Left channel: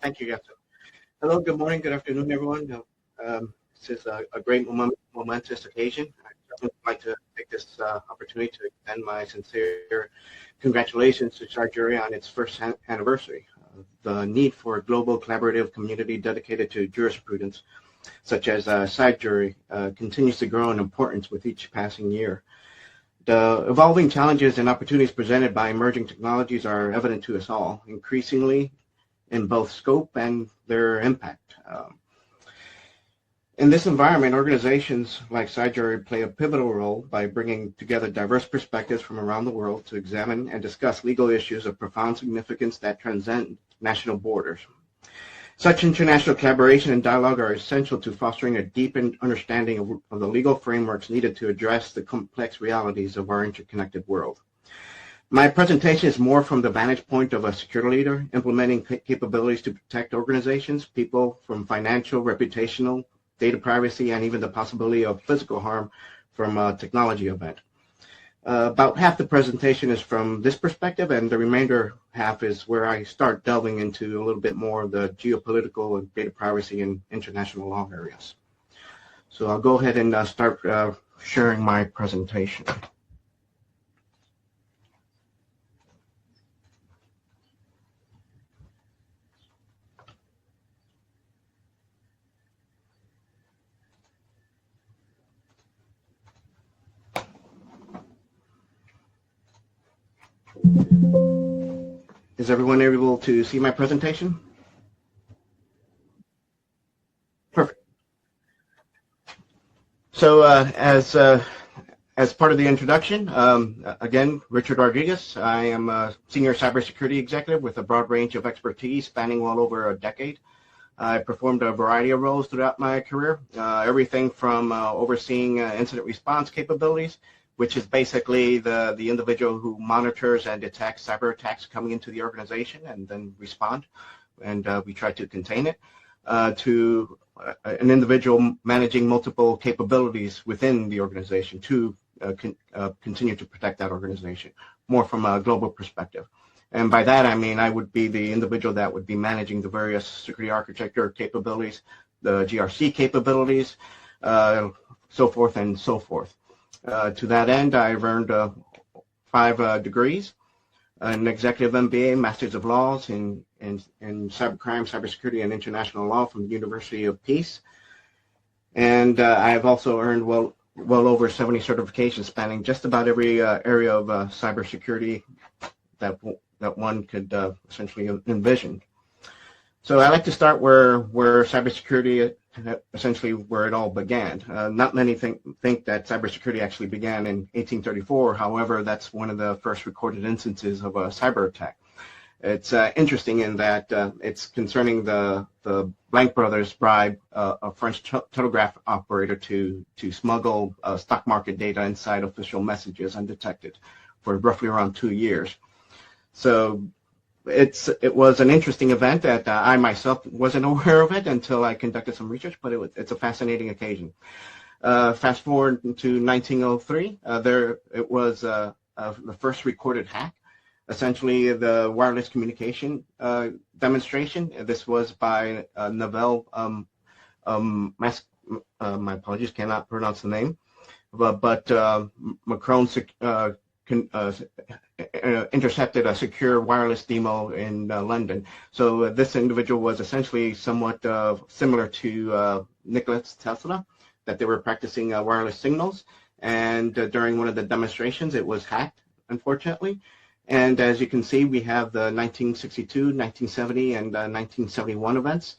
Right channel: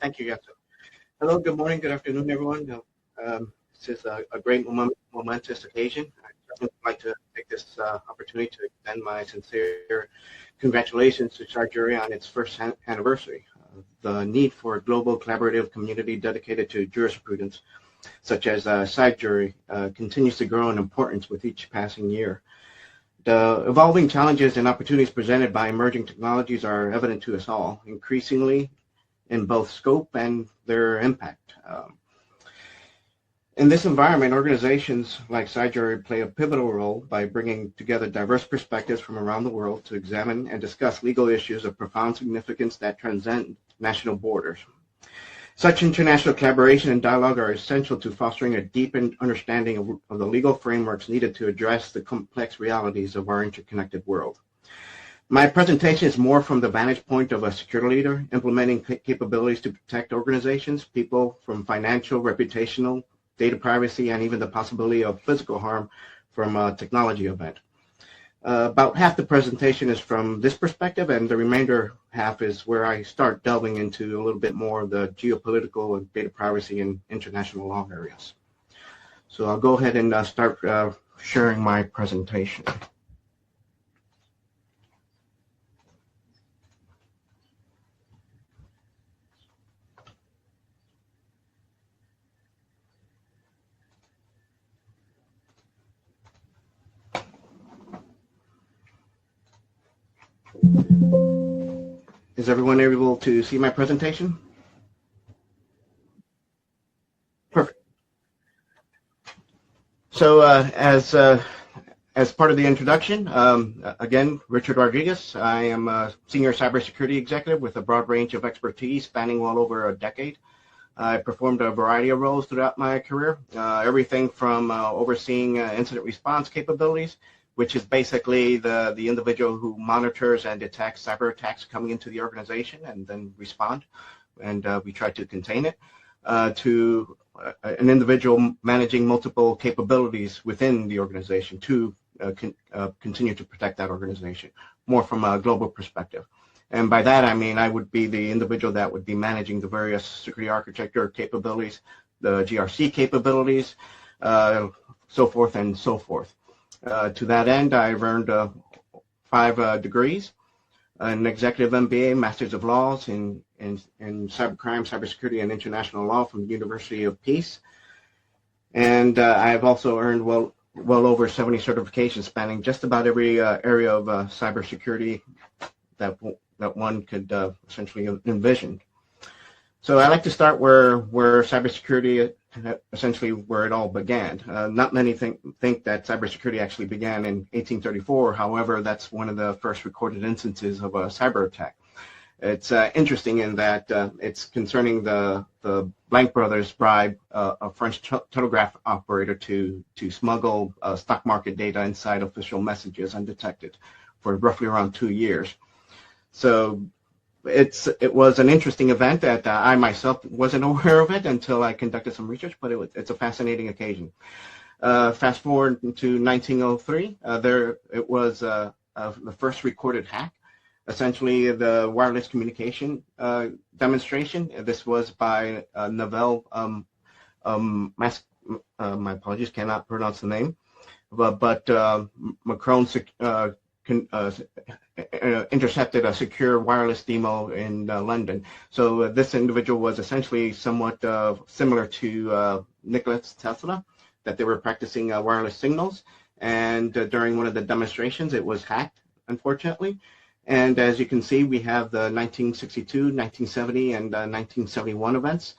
Thank you, Yasser. Hello, good morning, good afternoon, everyone. This is a great momentous occasion. I would like to take this opportunity to extend my sincere congratulations to CyJurII on its first anniversary. The need for a global collaborative community dedicated to jurisprudence, such as CyJurII, continues to grow in importance with each passing year. The evolving challenges and opportunities presented by emerging technologies are evident to us all, increasingly in both scope and their impact. In this environment, organizations like CyJurII play a pivotal role by bringing together diverse perspectives from around the world to examine and discuss legal issues of profound significance that transcend national borders. Such international collaboration and dialogue are essential to fostering a deepened understanding of the legal frameworks needed to address the complex realities of our interconnected world. My presentation is more from the vantage point of a security leader implementing capabilities to protect organizations, people from financial, reputational, data privacy, and even the possibility of physical harm from a technology event. About half the presentation is from this perspective, and the remainder half is where I start delving into a little bit more of the geopolitical and data privacy and international law areas. So I'll go ahead and start sharing my presentation. Is everyone able to see my presentation? Perfect. So as part of the introduction, again, Richard Rodriguez. I am a senior cybersecurity executive with a broad range of expertise spanning well over a decade. I performed a variety of roles throughout my career, everything from overseeing incident response capabilities, which is basically the individual who monitors and detects cyber attacks coming into the organization and then respond, and we try to contain it, to an individual managing multiple capabilities within the organization to continue to protect that organization, more from a global perspective. And by that, I mean I would be the individual that would be managing the various security architecture capabilities, the GRC capabilities, so forth and so forth. To that end, I've earned 5 degrees, an executive MBA, Masters of Laws in cybercrime, cybersecurity, and international law from the University of Peace. And I've also earned well over 70 certifications spanning just about every area of cybersecurity that one could essentially envision. So I like to start where cybersecurity, essentially where it all began. Not many think that cybersecurity actually began in 1834. However, that's one of the first recorded instances of a cyber attack. It's interesting in that it's concerning the Blank brothers bribe a French telegraph operator to smuggle stock market data inside official messages undetected for roughly around 2 years. So it was an interesting event that I myself wasn't aware of it until I conducted some research, but it's a fascinating occasion. Fast forward to 1903, it was the first recorded hack, essentially the wireless communication demonstration. This was by Novell, my apologies, cannot pronounce the name, but Macron intercepted a secure wireless demo in London. So this individual was essentially somewhat similar to Nikola Tesla, that they were practicing wireless signals. And during one of the demonstrations, it was hacked, unfortunately. And as you can see, we have the 1962, 1970, and 1971 events.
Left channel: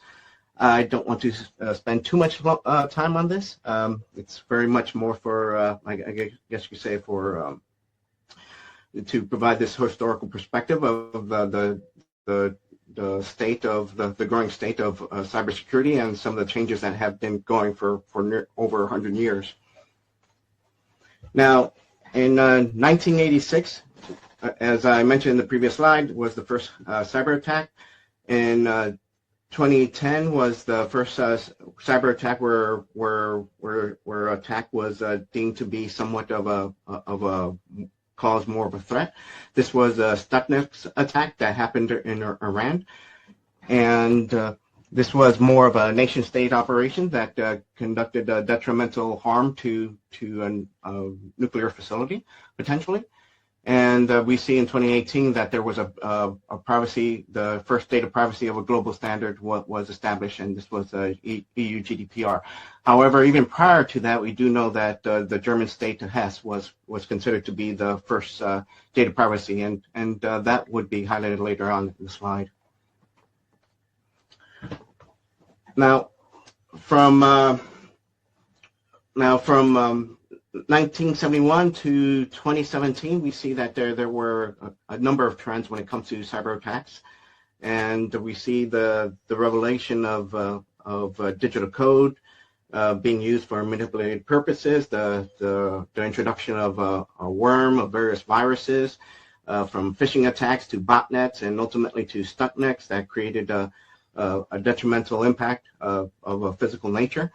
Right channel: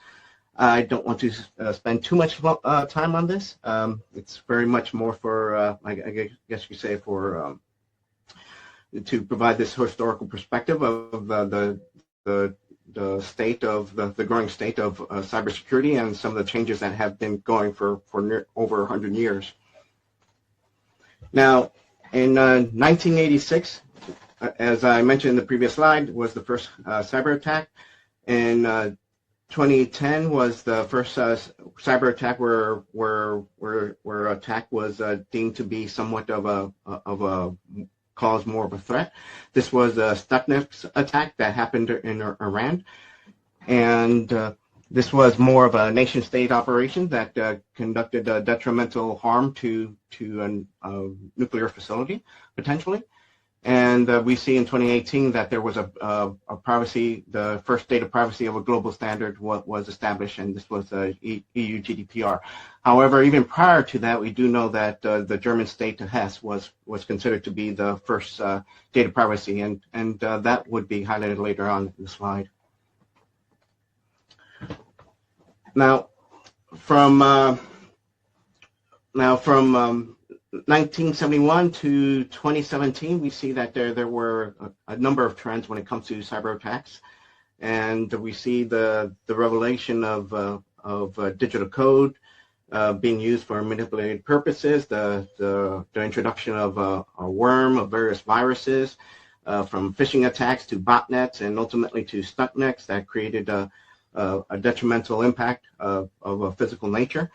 I don't want to spend too much time on this. It's very much more for, I guess you could say, for to provide this historical perspective of the state of the growing state of cybersecurity and some of the changes that have been going for over 100 years. Now, in 1986, as I mentioned in the previous slide, was the first cyber attack. In 2010 was the first cyber attack where attack was deemed to be somewhat of a cause more of a threat. This was a Stuxnet attack that happened in Iran. And this was more of a nation-state operation that conducted detrimental harm to a nuclear facility, potentially. And we see in 2018 that there was a privacy, the first data privacy of a global standard was established, and this was EU GDPR. However, even prior to that, we do know that the German state Hesse was considered to be the first data privacy, and that would be highlighted later on in the slide. Now, from 1971 to 2017, we see that there were a number of trends when it comes to cyber attacks, and we see the revelation of digital code being used for manipulated purposes, the introduction of a worm, of various viruses, from phishing attacks to botnets, and ultimately to stuntnets that created a detrimental impact of a physical nature.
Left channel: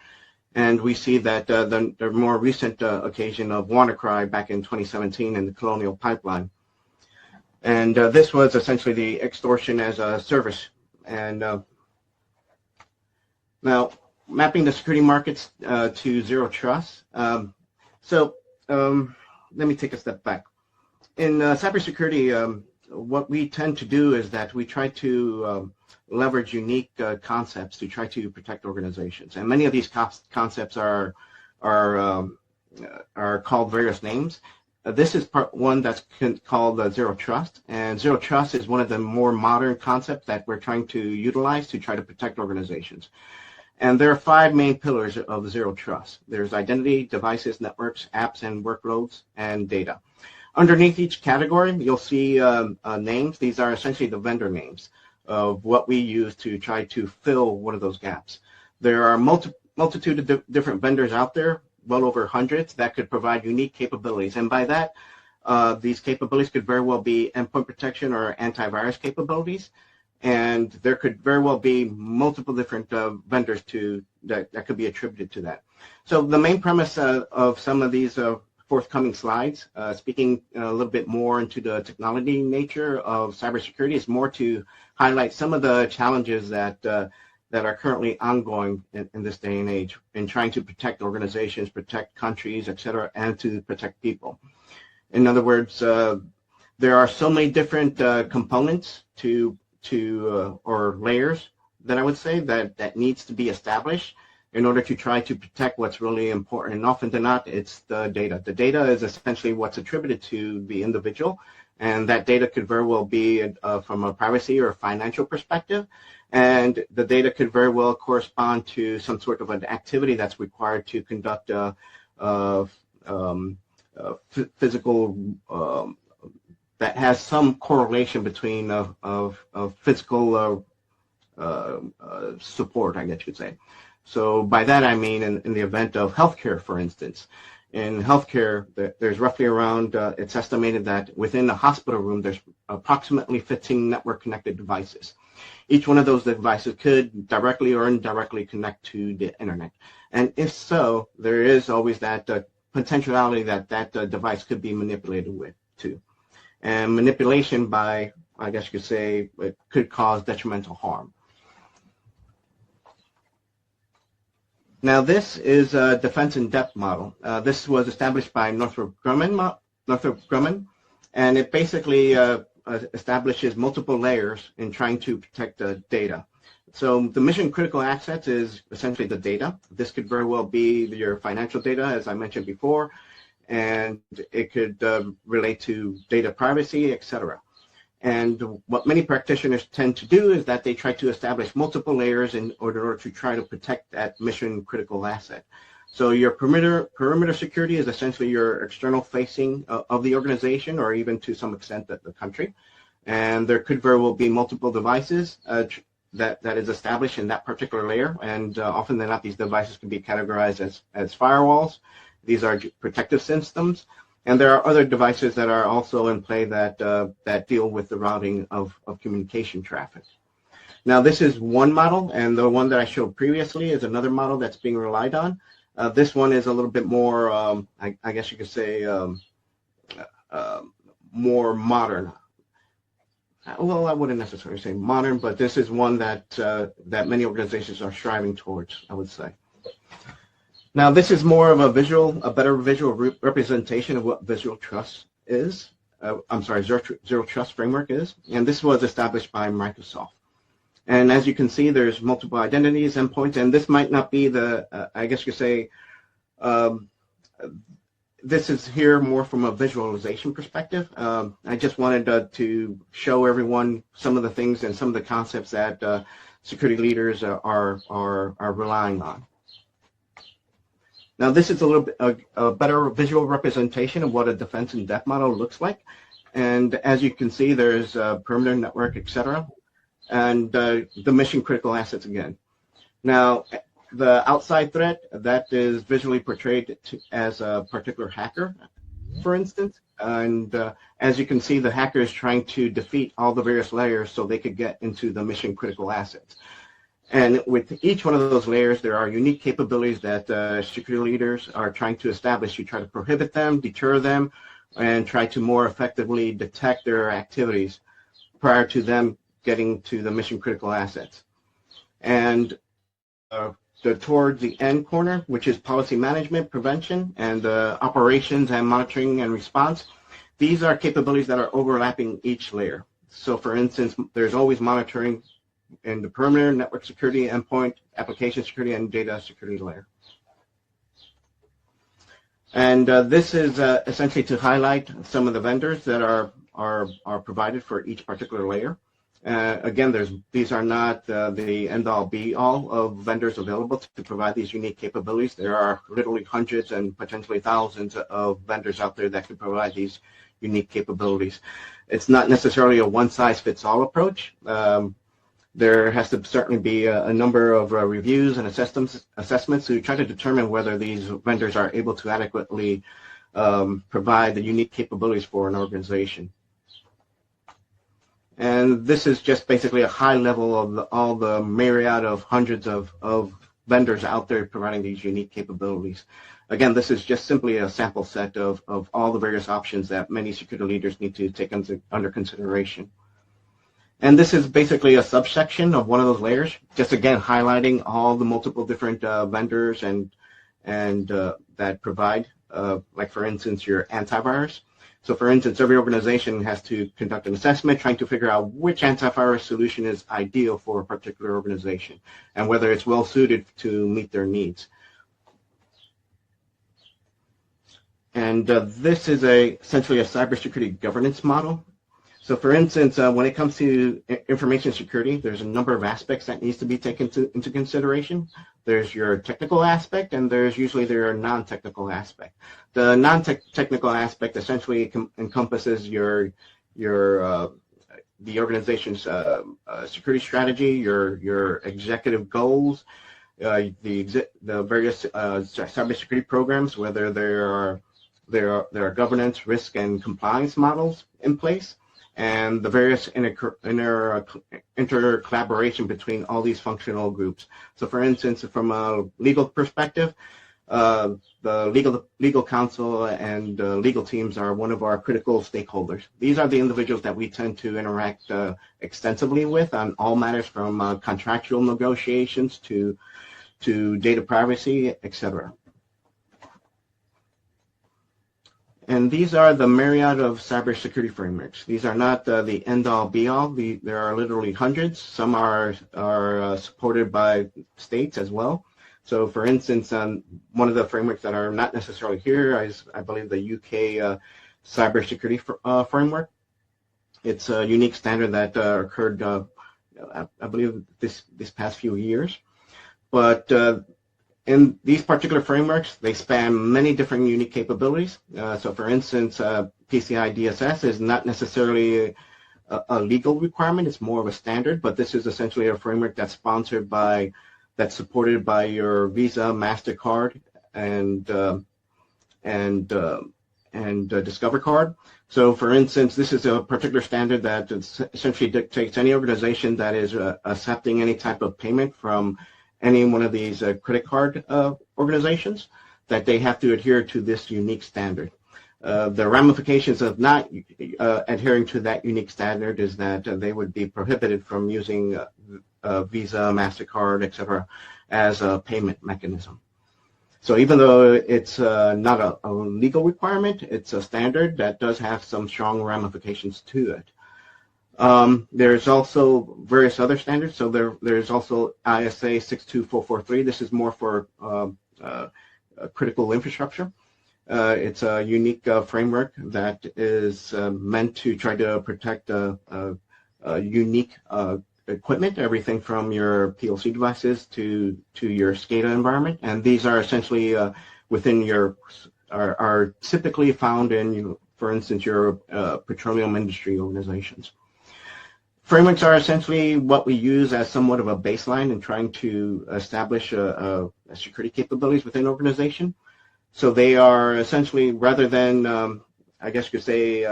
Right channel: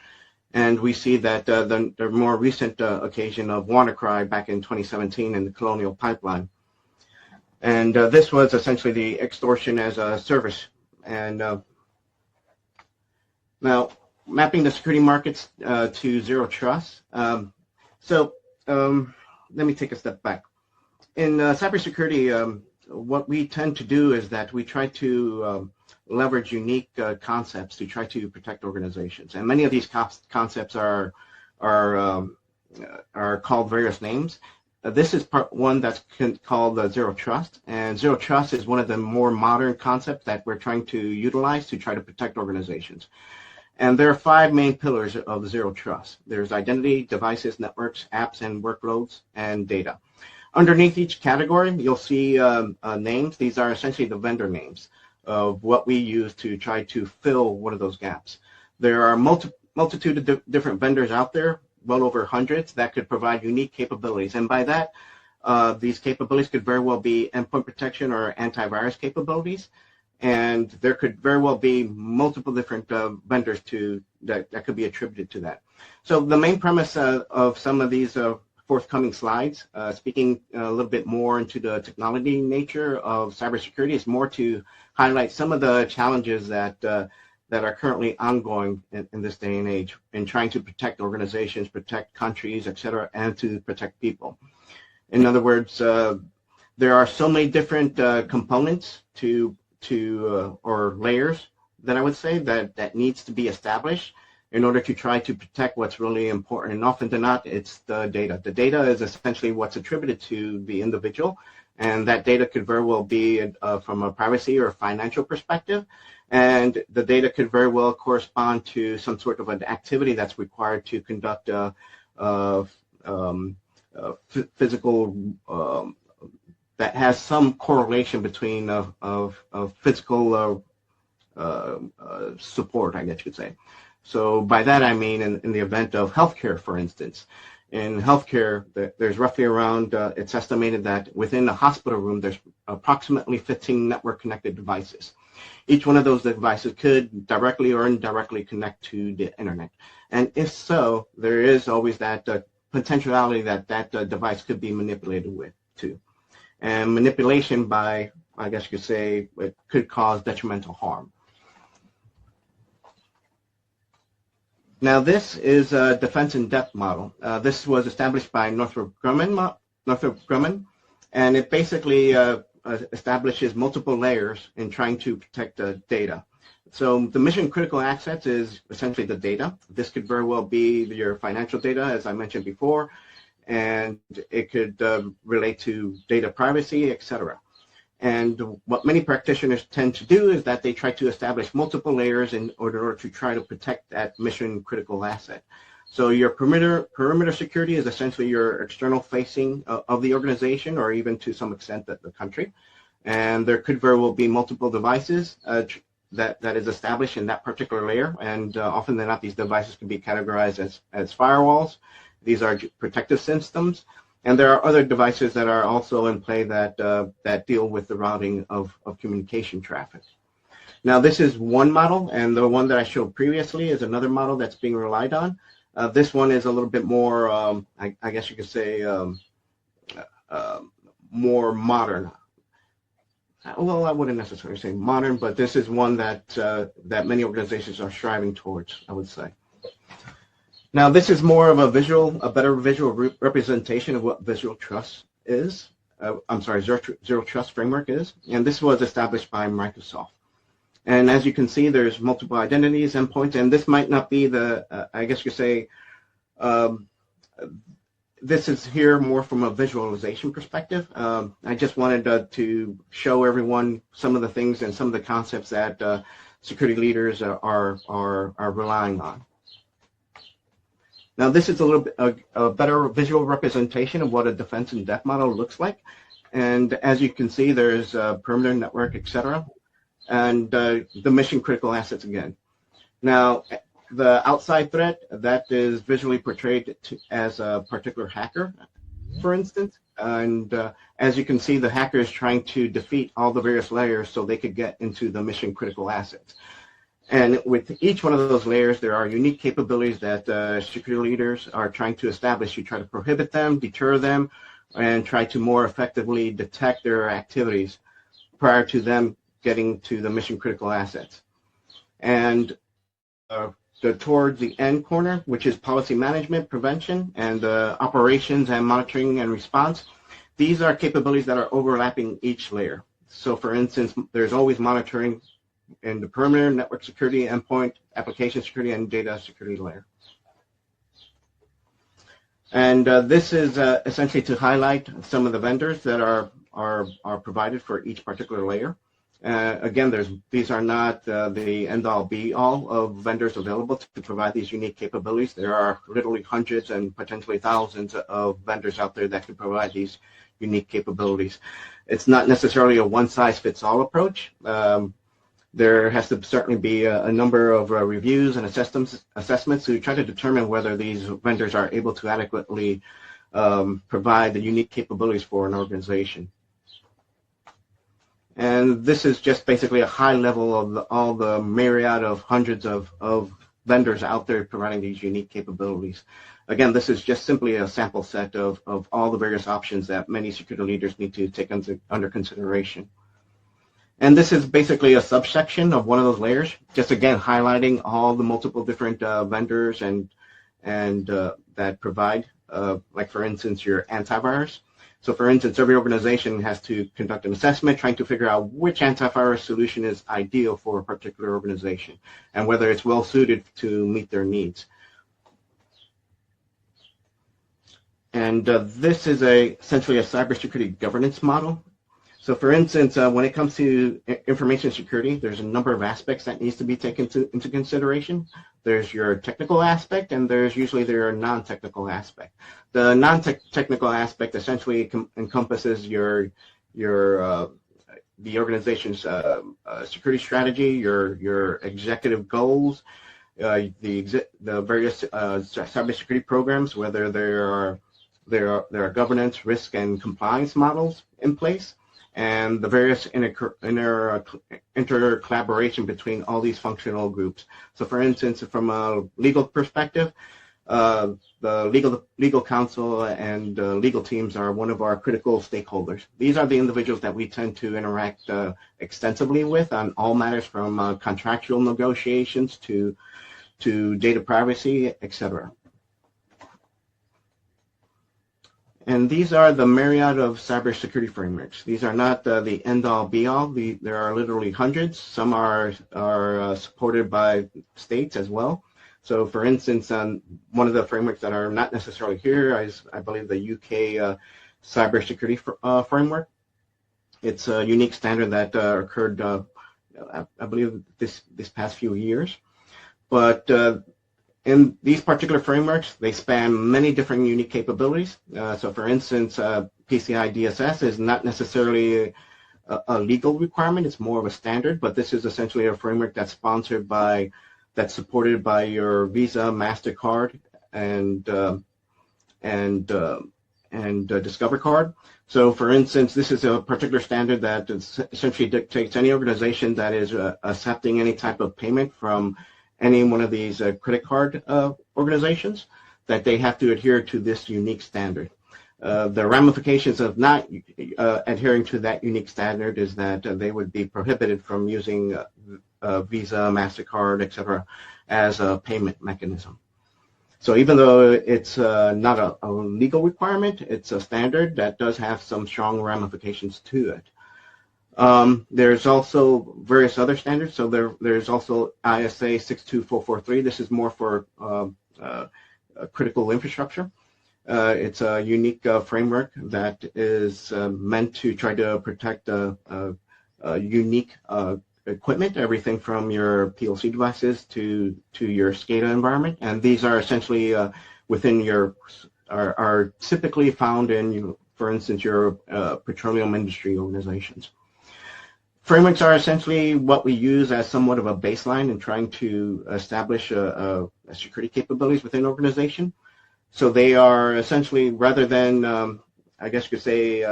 And we see that the more recent occasion of WannaCry back in 2017 in the Colonial Pipeline. And this was essentially the extortion as a service. And now, mapping the security markets to zero trust. Let me take a step back. In cybersecurity, what we tend to do is that we try to leverage unique concepts to try to protect organizations, and many of these concepts are called various names. This is part one that's called zero trust, and zero trust is one of the more modern concepts that we're trying to utilize to try to protect organizations. And there are 5 main pillars of zero trust. There's identity, devices, networks, apps, and workloads, and data. Underneath each category, you'll see names. These are essentially the vendor names of what we use to try to fill one of those gaps. There are multitude of different vendors out there, well over hundreds, that could provide unique capabilities. And by that, these capabilities could very well be endpoint protection or antivirus capabilities. And there could very well be multiple different vendors that could be attributed to that. So the main premise of some of these forthcoming slides, speaking a little bit more into the technology nature of cybersecurity, is more to highlight some of the challenges that are currently ongoing in this day and age in trying to protect organizations, protect countries, et cetera, and to protect people. In other words, there are so many different components or layers that I would say that needs to be established in order to try to protect what's really important. And often than not, it's the data. The data is essentially what's attributed to the individual, and that data could very well be from a privacy or financial perspective, and the data could very well correspond to some sort of an activity that's required to conduct physical that has some correlation between physical support, I guess you could say. So by that I mean in the event of healthcare, for instance. In healthcare, there's roughly around, it's estimated that within the hospital room, there's approximately 15 network-connected devices. Each one of those devices could directly or indirectly connect to the internet. And if so, there is always that potentiality that device could be manipulated too. And manipulation by, I guess you could say, it could cause detrimental harm. Now, this is a defense in depth model. This was established by Northrop Grumman, and it basically establishes multiple layers in trying to protect the data. So the mission critical assets is essentially the data. This could very well be your financial data, as I mentioned before, and it could relate to data privacy, etc. And what many practitioners tend to do is that they try to establish multiple layers in order to try to protect that mission critical asset. So your perimeter security is essentially your external facing of the organization, or even to some extent the country. And there could very well be multiple devices that is established in that particular layer. And often than not, these devices can be categorized as firewalls. These are protective systems. And there are other devices that are also in play that deal with the routing of communication traffic. Now, this is one model, and the one that I showed previously is another model that's being relied on. This one is a little bit more, I guess you could say, more modern. well, I wouldn't necessarily say modern, but this is one that that many organizations are striving towards, I would say. Now, this is more of a better visual representation of what Visual Trust is. I'm sorry, Zero Trust Framework is, and this was established by Microsoft. And as you can see, there's multiple identities, endpoints, and this might not be the, I guess you say, this is here more from a visualization perspective. I just wanted to show everyone some of the things and some of the concepts that security leaders are relying on. Now, this is a little bit a better visual representation of what a defense in depth model looks like. And as you can see, there's perimeter network, etc., and the mission critical assets again. Now, the outside threat, that is visually portrayed as a particular hacker, for instance. And as you can see, the hacker is trying to defeat all the various layers so they could get into the mission critical assets. And with each one of those layers, there are unique capabilities that security leaders are trying to establish. You try to prohibit them, deter them, and try to more effectively detect their activities prior to them getting to the mission critical assets. And towards the end corner, which is policy management, prevention, and operations and monitoring and response, these are capabilities that are overlapping each layer. So for instance, there's always monitoring in the perimeter, network security, endpoint, application security, and data security layer. And this is essentially to highlight some of the vendors that are provided for each particular layer. Again, these are not the end-all be-all of vendors available to provide these unique capabilities. There are literally hundreds and potentially thousands of vendors out there that can provide these unique capabilities. It's not necessarily a one-size-fits-all approach. There has to certainly be a number of reviews and assessments to try to determine whether these vendors are able to adequately provide the unique capabilities for an organization. And this is just basically a high level of all the myriad of hundreds of vendors out there providing these unique capabilities. Again, this is just simply a sample set of all the various options that many security leaders need to take under consideration. And this is basically a subsection of one of those layers, just again highlighting all the multiple different vendors and that provide, like for instance, your antivirus. So for instance, every organization has to conduct an assessment trying to figure out which antivirus solution is ideal for a particular organization and whether it's well suited to meet their needs. And this is essentially a cybersecurity governance model. So for instance, when it comes to information security, there's a number of aspects that needs to be taken into consideration. There's your technical aspect, and there's usually their non-technical aspect. The non-technical aspect essentially encompasses the organization's security strategy, your executive goals, the various cybersecurity programs, whether there are governance, risk, and compliance models in place, and the various inter collaboration between all these functional groups. So for instance, from a legal perspective, the legal counsel and legal teams are one of our critical stakeholders. These are the individuals that we tend to interact extensively with on all matters from contractual negotiations to data privacy, etc. And these are the myriad of cybersecurity frameworks. These are not the end-all, be-all. There are literally hundreds. Some are supported by states as well. So, for instance, one of the frameworks that are not necessarily here is, I believe, the UK cybersecurity framework. It's a unique standard that occurred, I believe, this past few years. But in these particular frameworks, they span many different unique capabilities. So for instance, PCI DSS is not necessarily a legal requirement, it's more of a standard, but this is essentially a framework that's supported by your Visa, MasterCard, and Discover Card. So for instance, this is a particular standard that essentially dictates any organization that is accepting any type of payment from any one of these credit card organizations, that they have to adhere to this unique standard. The ramifications of not adhering to that unique standard is that they would be prohibited from using Visa, MasterCard, etc. as a payment mechanism. So even though it's not a legal requirement, it's a standard that does have some strong ramifications to it. There's also various other standards. So there's also ISA 62443. This is more for critical infrastructure. It's a unique framework that is meant to try to protect unique equipment, everything from your PLC devices to your SCADA environment, and these are essentially within your are typically found in, for instance, your petroleum industry organizations. Frameworks are essentially what we use as somewhat of a baseline in trying to establish security capabilities within an organization. So they are essentially, rather than, I guess you could say,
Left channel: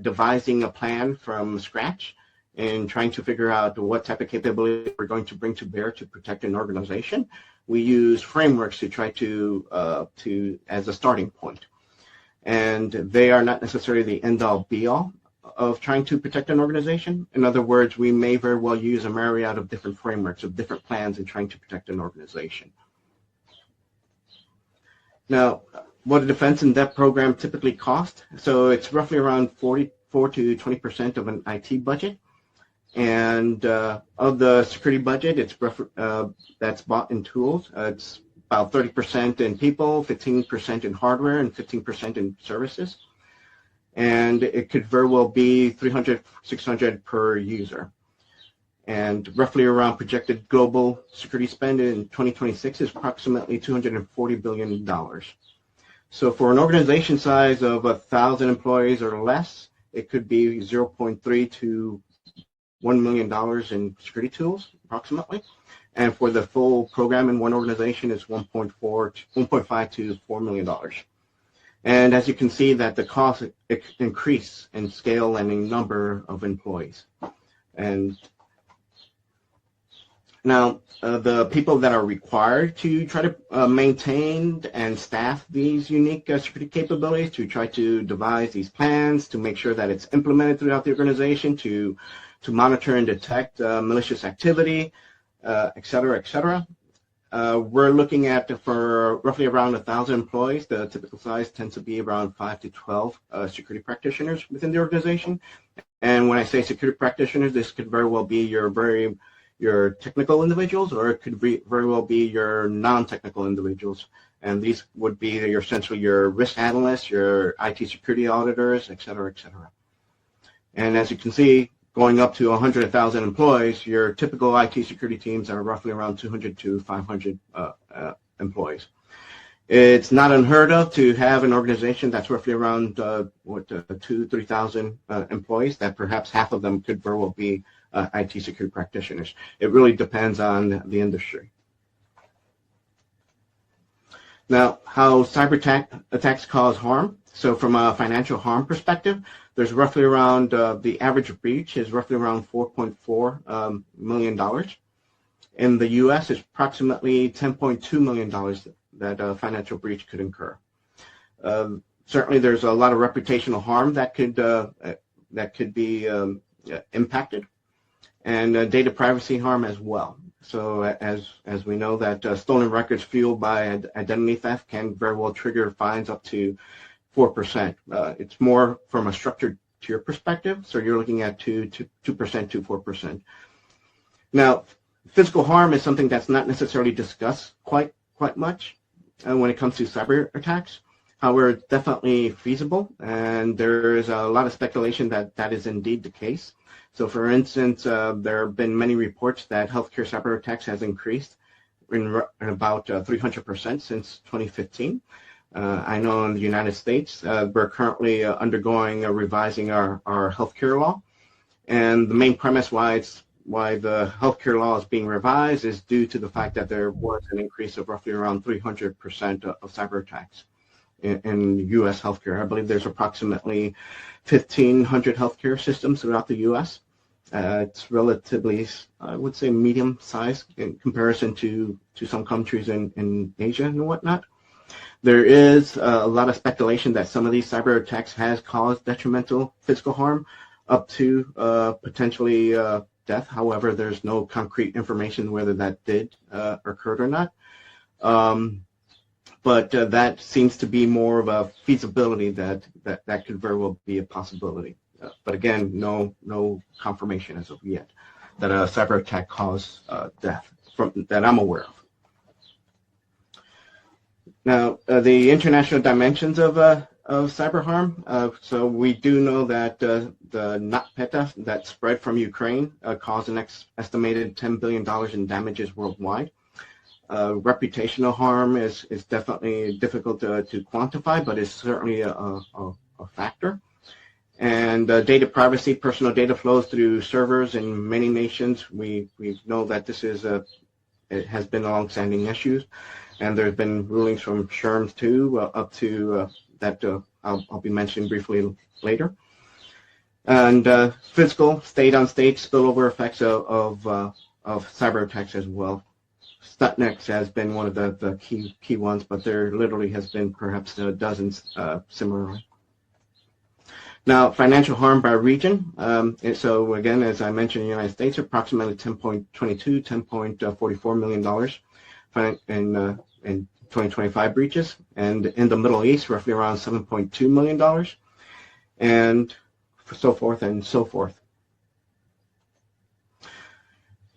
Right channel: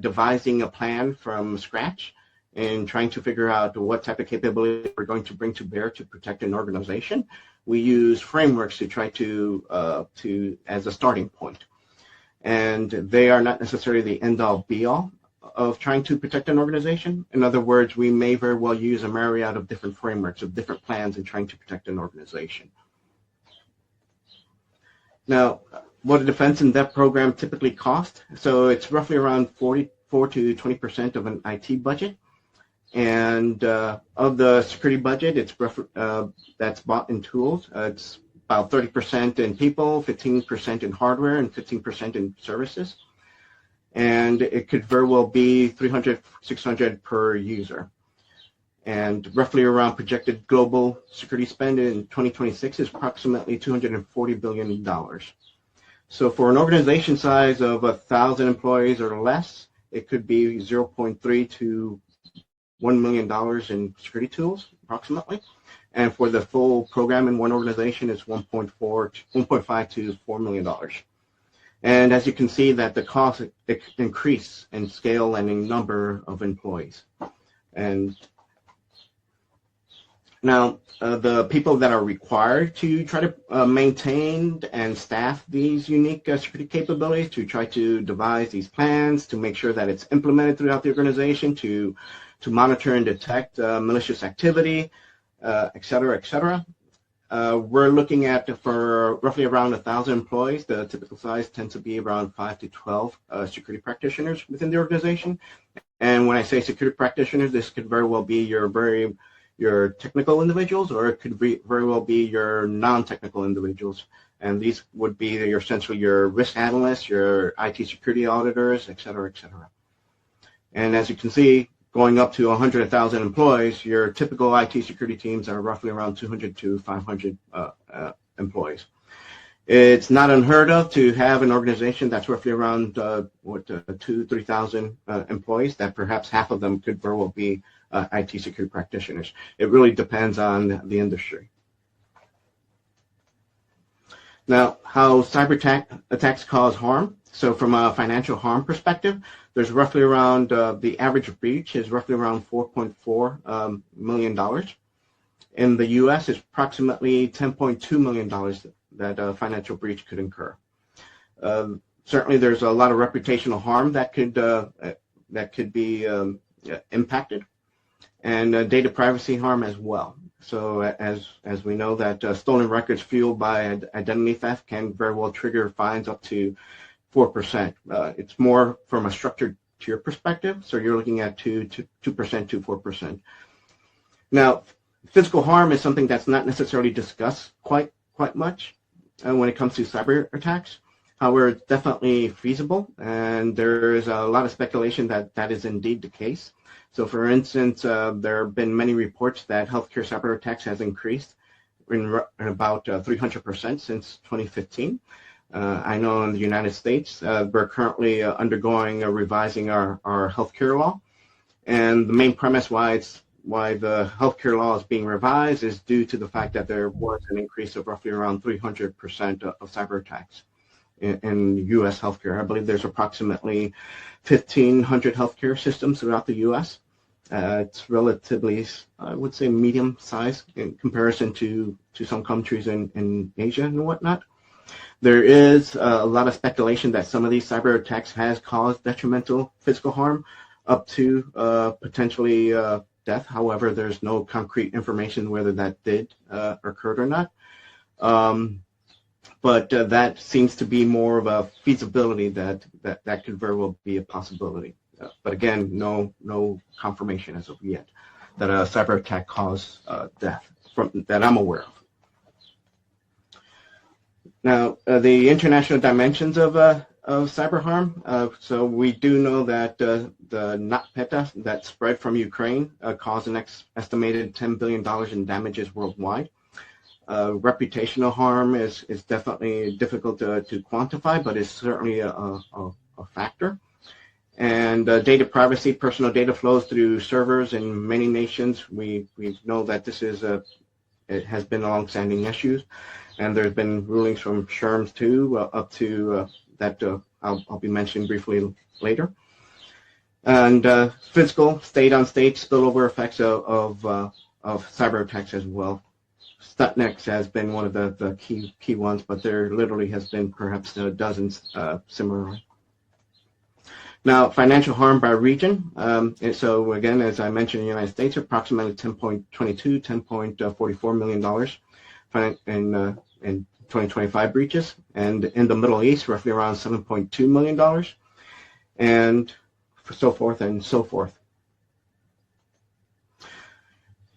devising a plan from scratch and trying to figure out what type of capability we're going to bring to bear to protect an organization, we use frameworks to try to as a starting point. And they are not necessarily the end-all, be-all of trying to protect an organization. In other words, we may very well use a myriad of different frameworks, of different plans in trying to protect an organization. Now, what a defense in depth program typically costs, so it's roughly around 44 to 20% of an IT budget. And of the security budget, it's that's bought in tools. It's about 30% in people, 15% in hardware, and 15% in services. And it could very well be 300, 600 per user. And roughly around projected global security spend in 2026 is approximately $240 billion. So for an organization size of 1,000 employees or less, it could be 0.3 to $1 million in security tools, approximately. And for the full program in one organization, it's 1.5 to $4 million. And as you can see, that the cost increase in scale and in number of employees. And now, the people that are required to try to maintain and staff these unique security capabilities, to try to devise these plans, to make sure that it's implemented throughout the organization, to monitor and detect malicious activity, et cetera, we're looking at, for roughly around 1,000 employees, the typical size tends to be around 5 to 12 security practitioners within the organization. And when I say security practitioners, this could very well be your technical individuals, or it could very well be your non-technical individuals. And these would be essentially your risk analysts, your IT security auditors, et cetera, et cetera. And as you can see, going up to 100,000 employees, your typical IT security teams are roughly around 200 to 500 employees. It's not unheard of to have an organization that's roughly around 2,000 to 3,000 employees, that perhaps half of them could very well be IT security practitioners. It really depends on the industry. Now, how cyber attacks cause harm. So from a financial harm perspective, there's roughly around, the average breach is roughly around $4.4 million. In the US, it's approximately $10.2 million that a financial breach could incur. Certainly, there's a lot of reputational harm that could be impacted, and data privacy harm as well. So as we know, that stolen records fueled by identity theft can very well trigger fines up to 4%. It's more from a structured tier perspective, so you're looking at 2% to 4%. Now, physical harm is something that's not necessarily discussed quite much when it comes to cyber attacks. However, it's definitely feasible, and there is a lot of speculation that that is indeed the case. So, for instance, there have been many reports that healthcare cyber attacks has increased in about 300% since 2015. I know in the United States, we're currently undergoing revising our healthcare law, and the main premise why the healthcare law is being revised is due to the fact that there was an increase of roughly around 300% of cyber attacks in U.S. healthcare. I believe there's approximately 1,500 healthcare systems throughout the U.S. It's relatively, I would say, medium size in comparison to some countries in Asia and whatnot. There is a lot of speculation that some of these cyber attacks has caused detrimental physical harm up to potentially death. However, there's no concrete information whether that did occur or not. But that seems to be more of a feasibility that could very well be a possibility. But again, no confirmation as of yet that a cyber attack caused death that I'm aware of. Now, the international dimensions of cyber harm. So we do know that the NotPetya that spread from Ukraine caused an estimated $10 billion in damages worldwide. Reputational harm is definitely difficult to quantify, but it's certainly a factor. And data privacy, personal data flows through servers in many nations. We know that this is it has been long-standing issues, and there's been rulings from SHRMS too, up to that I'll be mentioning briefly later. And physical, state-on-state spillover effects of cyber attacks as well. Stuxnet has been one of the key ones, but there literally has been perhaps dozens similarly. Now, financial harm by region. And so again, as I mentioned, in the United States, approximately $10.22, $10.44 million in 2025 breaches, and in the Middle East, roughly around $7.2 million, and so forth and so forth.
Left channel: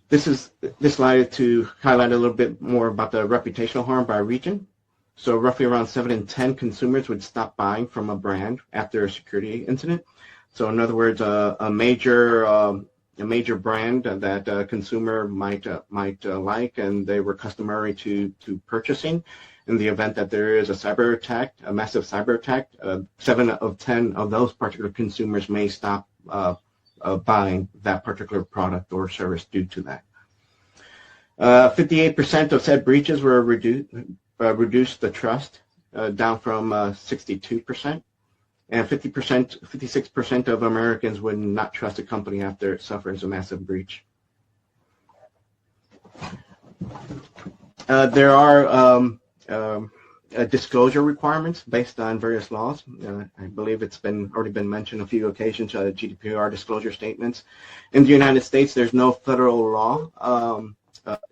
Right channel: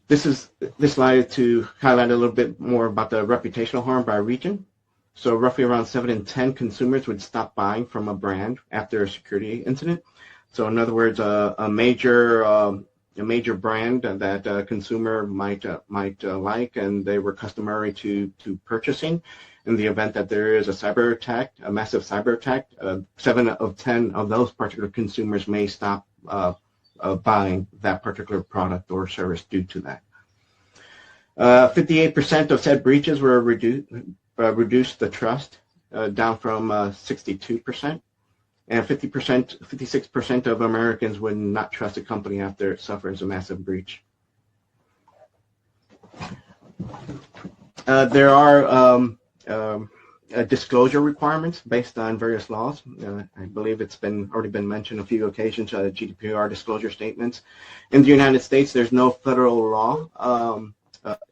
This slide to highlight a little bit more about the reputational harm by region. So roughly around 7 in 10 consumers would stop buying from a brand after a security incident. So in other words, a major brand that a consumer might like, and they were customary to purchasing. In the event that there is a cyber attack, a massive cyber attack, 7 of 10 of those particular consumers may stop buying that particular product or service due to that. 58% of said breaches were reduced the trust, down from 62%, and 56% of Americans would not trust a company after it suffers a massive breach. There are disclosure requirements based on various laws. I believe it's already been mentioned a few occasions, GDPR disclosure statements. In the United States, there's no federal law,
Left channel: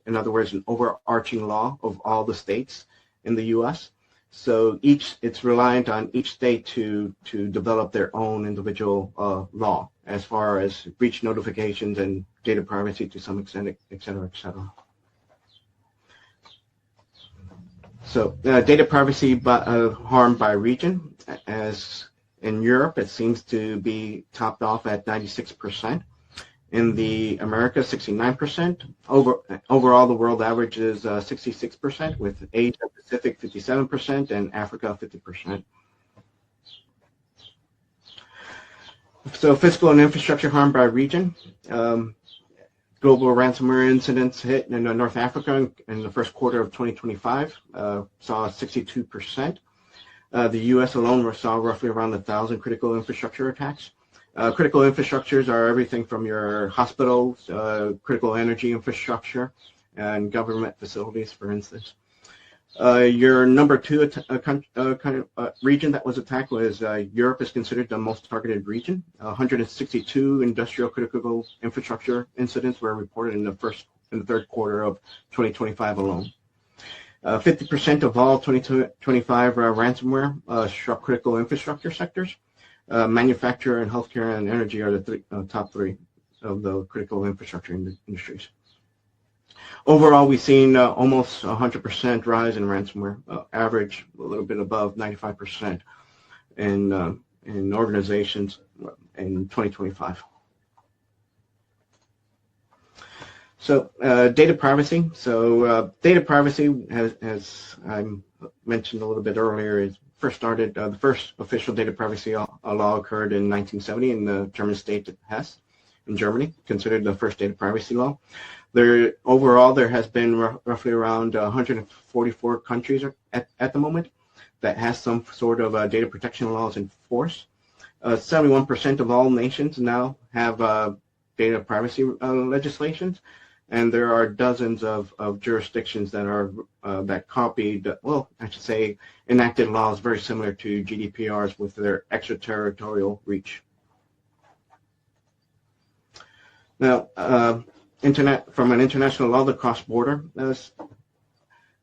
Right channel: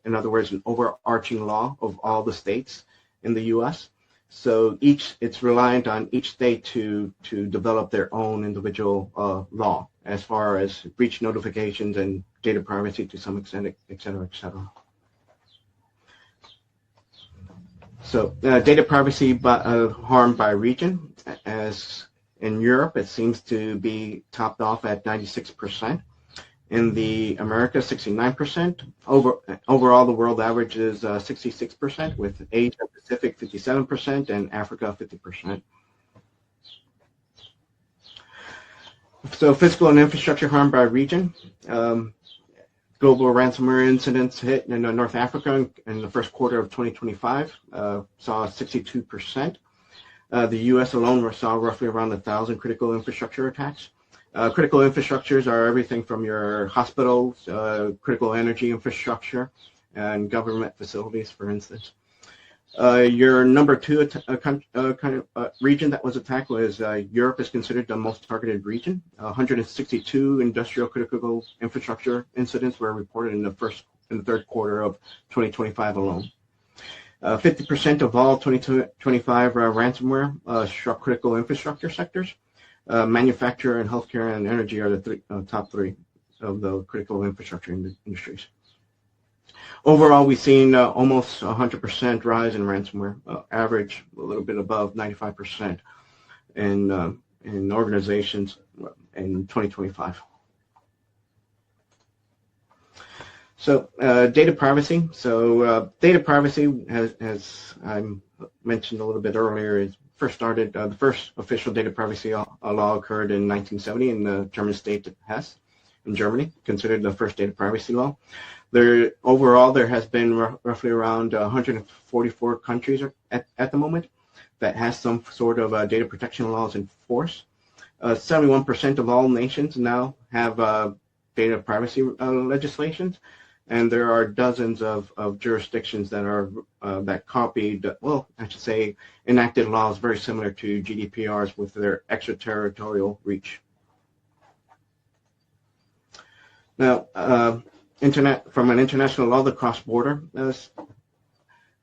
in other words, an overarching law of all the states in the U.S. So it's reliant on each state to develop their own individual law as far as breach notifications and data privacy to some extent, et cetera, et cetera. So data privacy harm by region, as in Europe, it seems to be topped off at 96%. In the Americas, 69%. Overall, the world average is 66%, with Asia Pacific 57% and Africa 50%. So physical and infrastructure harm by region. Global ransomware incidents hit in North Africa in the first quarter of 2025, saw 62%. The U.S. alone saw roughly around 1,000 critical infrastructure attacks. Critical infrastructures are everything from your hospitals, critical energy infrastructure, and government facilities, for instance. Your number 2 region that was attacked was Europe is considered the most targeted region. 162 industrial critical infrastructure incidents were reported in the third quarter of 2025 alone. 50% of all 2025 ransomware struck critical infrastructure sectors. Manufacturing and healthcare and energy are the top 3 of the critical infrastructure industries. Overall, we've seen almost 100% rise in ransomware, average a little bit above 95% in organizations in 2025. So data privacy. So data privacy, as I mentioned a little bit earlier, is first started. The first official data privacy law occurred in 1970 in the German state of Hesse in Germany, considered the first data privacy law. Overall, there has been roughly around 144 countries at the moment that has some sort of data protection laws in force. 71% of all nations now have data privacy legislations, And there are dozens of jurisdictions that are that copied, well, I should say, enacted laws very similar to GDPR's with their extraterritorial reach. Now, from an international law, the cross-border.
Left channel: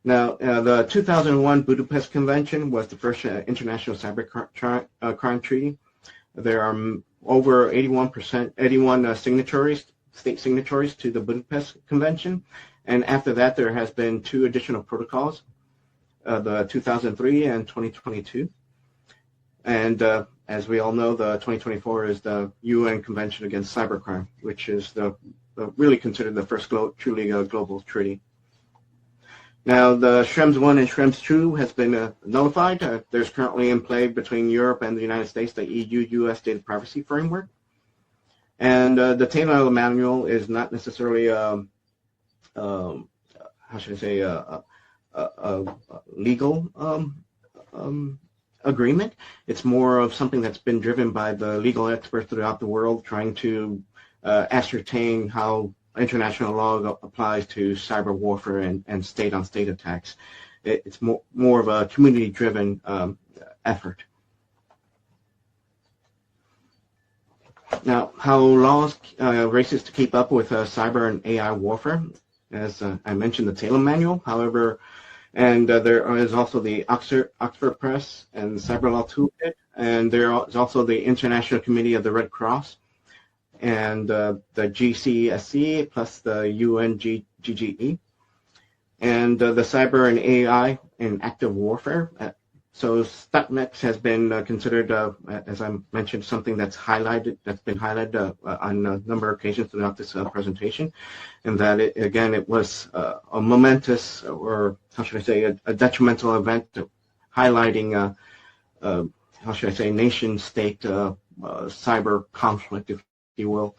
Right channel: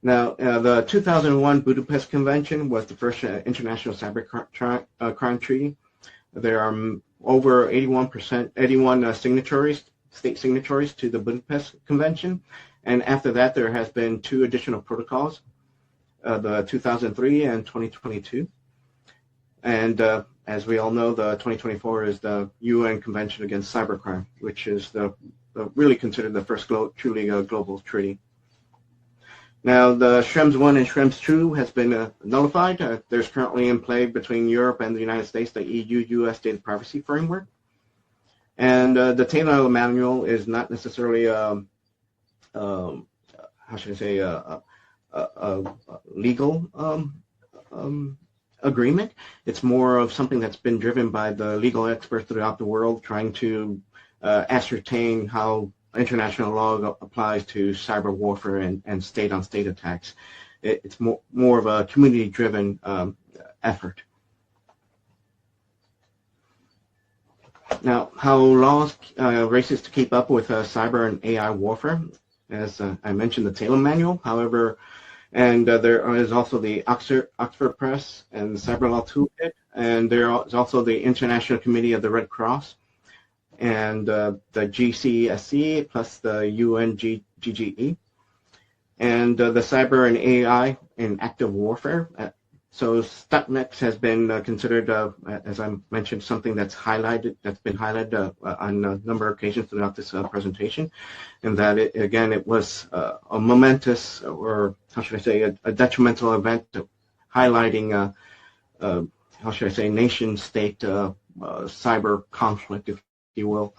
The 2001 Budapest Convention was the first international cyber crime treaty. There are over 81 signatories, state signatories to the Budapest Convention, and after that there has been 2 additional protocols, the 2003 and 2022. And as we all know, the 2024 is the UN Convention Against Cybercrime, which is really considered the first truly global treaty. Now, the Schrems I and Schrems II has been nullified. There's currently in play between Europe and the United States the EU-US data privacy framework. And the Taylor manual is not necessarily, how should I say, a legal agreement. It's more of something that's been driven by the legal experts throughout the world trying to ascertain how international law applies to cyber warfare and state-on-state attacks. It's more of a community-driven effort. Now, how laws races to keep up with cyber and AI warfare, as I mentioned, the Taylor Manual. However, and there is also the Oxford Press and the Cyber Law Toolkit, and there is also the International Committee of the Red Cross, and the GCSE plus the UNGGE, and the Cyber and AI in Active Warfare. So StatMex has been considered, as I mentioned, something that's been highlighted on a number of occasions throughout this presentation, and that it was a momentous, or how should I say, a detrimental event highlighting, how should I say, nation-state cyber conflict, if you will.